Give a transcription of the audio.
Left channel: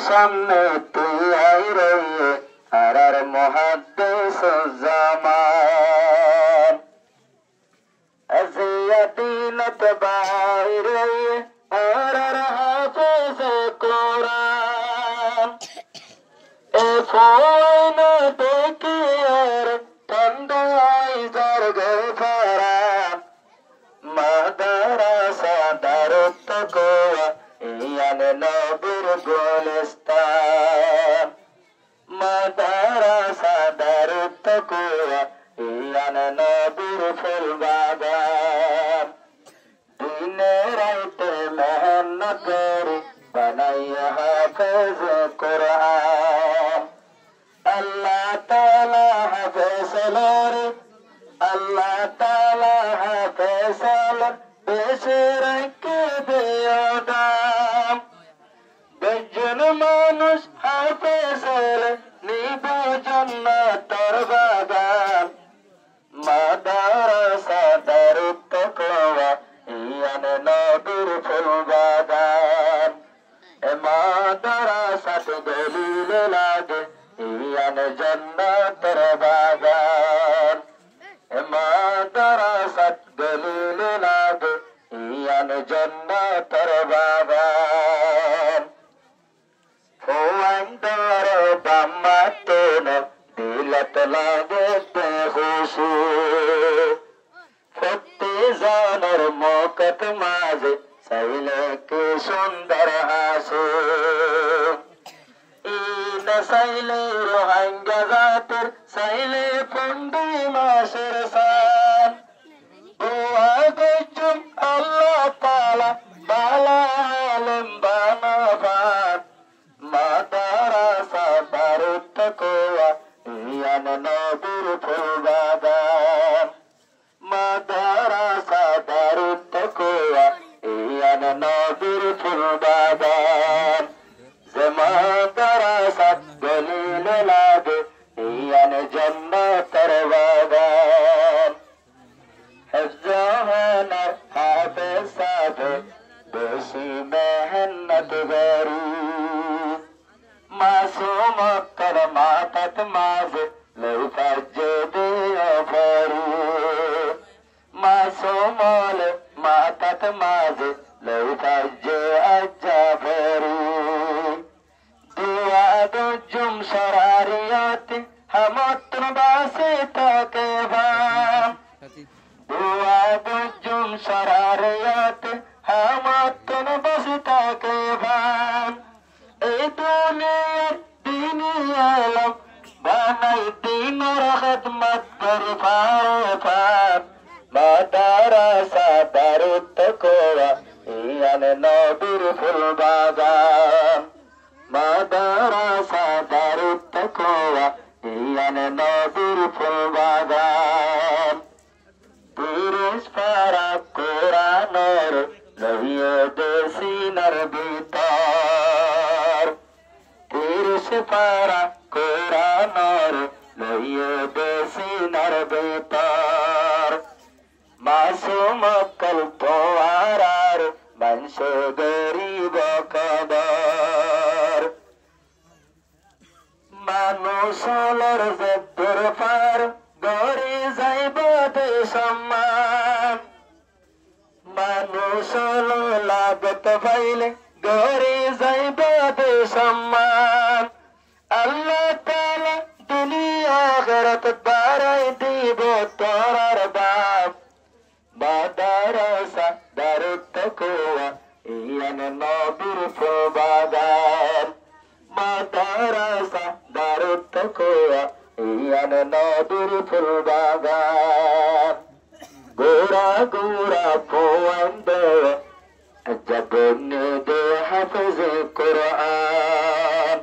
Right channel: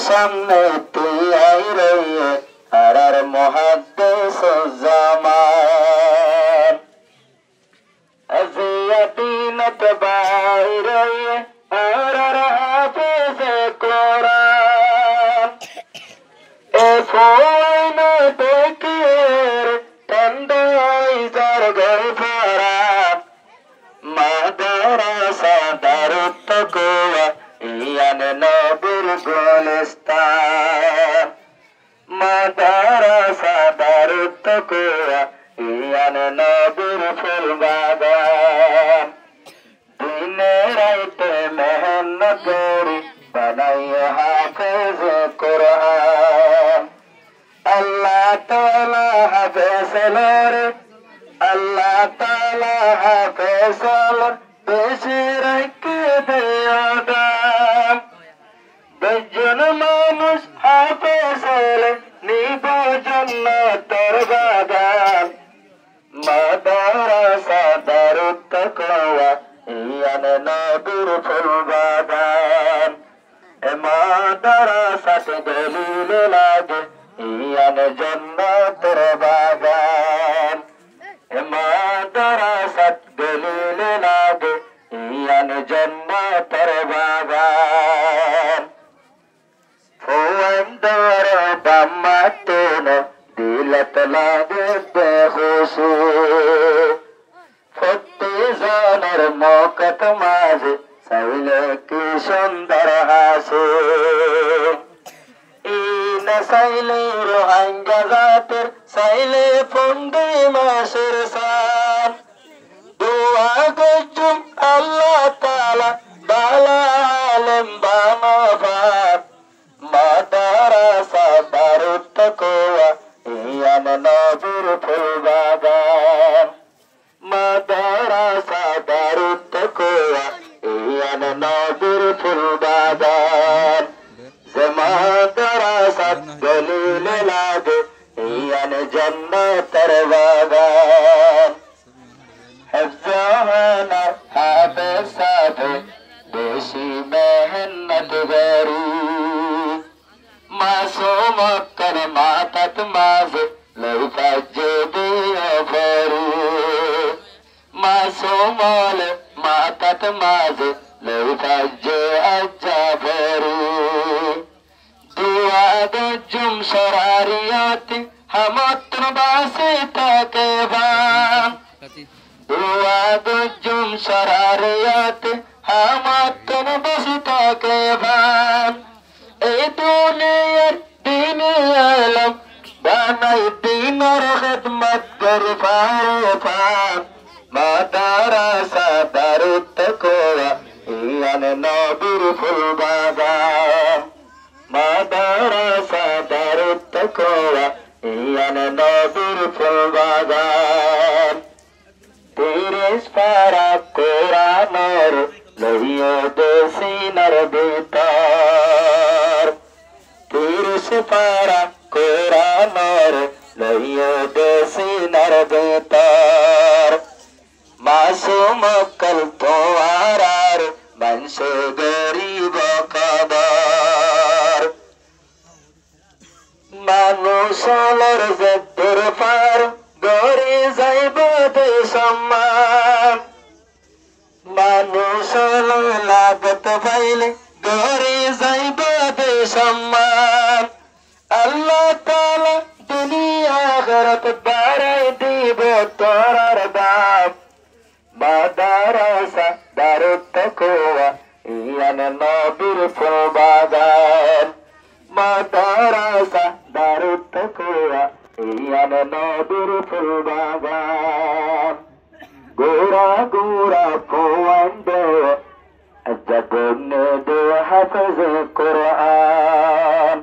সামনে তুই আইরে আর মুহাদ্দিস জামান আজিয়াতিনত বাইরে আর হাফিজ কোরআন এ ফোন দেখের ঠান্ডায় যার গফারান মাদ্রাসা দারুত তাকওয়া ইয়ান নবীর গুলিস্তান মাদ্রাসা দারুত তাকওয়া ইয়ান নবীর ফুল বাগান দিনে রাতে মেহনত করে বানাইয়া হাফেজ কোরআন আল্লাহ তাআলা হাফেজলার আল্লাহ তাআলা হাফেজল বেশি রেখে দেয়াদাম বেজন মানুষ হাফেজল নিব জান্নাতের বাগান মাদ্রাসা দারুত তাকওয়া ইয়ান নবীর ফুল বাগান মাদ্রাসাত দলিল লাগে ইয়ান জান্নাতের বাগান মাদ্রাসাত দলিল লাগে ইয়ান জান্নাতের বাগান ফুয়ান্দর দামাতুন দিলত লাগে বেহুশু ফতে জানের মকত মাঝে সাইলে কি সুন্দর হাসু ইন সাইলে রোহাঙ্গা জাতের সাইলে ফন্ডি মাসের সান দুয়া গজুম আল্লাহ তাআলা বালা আলেম বানাবান মাদ্রাসা দারুত তাকওয়া ইয়ান নবীর ফুল বাগান মাদ্রাসা দারুত তাকওয়া ইয়ান নবীর ফুল বাগান মাদ্রাসাত দলিল লাগে ইয়ান জান্নাতের বাগান হেফজান হাফেজ সাথে বেশি মেহনত করি মাসুম কর মাতাত মাঝে লইফাজে দিয়া ফরি মাসুম মাতাত মাঝে লইফাজে আজ্জা ফরি দুয়া গজুম শরারিয়াতি হামাত্র বাসে তাকে ভান দুয়া গজুম শরারিয়াতি হামাত্র বাসে তাকে ভান এই দুনিয়ার দিন আলম বানাই দিনের খিদমত করে ফান মাদ্রাসা দারুত তাকওয়া ইয়ান নবীর ফুল বাগান মাদ্রাসা দারুত তাকওয়া ইয়ান নবীর ফুল বাগান তিরিশ পারা কোরআনের লইয়া দোসিনার ভিতর তিরিশ পারা কোরআনের লইয়া দোসিনার ভিতর মাসুম কল তোয়ারার বংশ গরিব কবর মানুষের জেদ্দুর পার গড়ে যাইব সম্মান মানুষের লাগত পাইলে গড়ে যাইব সম্মান আল্লাহ তাআলা দুনিয়া আখিরাত বাড়াই দিব তোরার দাম মাদ্রাসা দারুত তাকওয়া ইয়ান নবীর ফুল বাগান মাদ্রাসা দারুত তাকওয়া ইয়ান নবীর ফুল বাগান গোরা গোরা ফুয়ান্দে জগন্নে দে হাফেজ কোরআন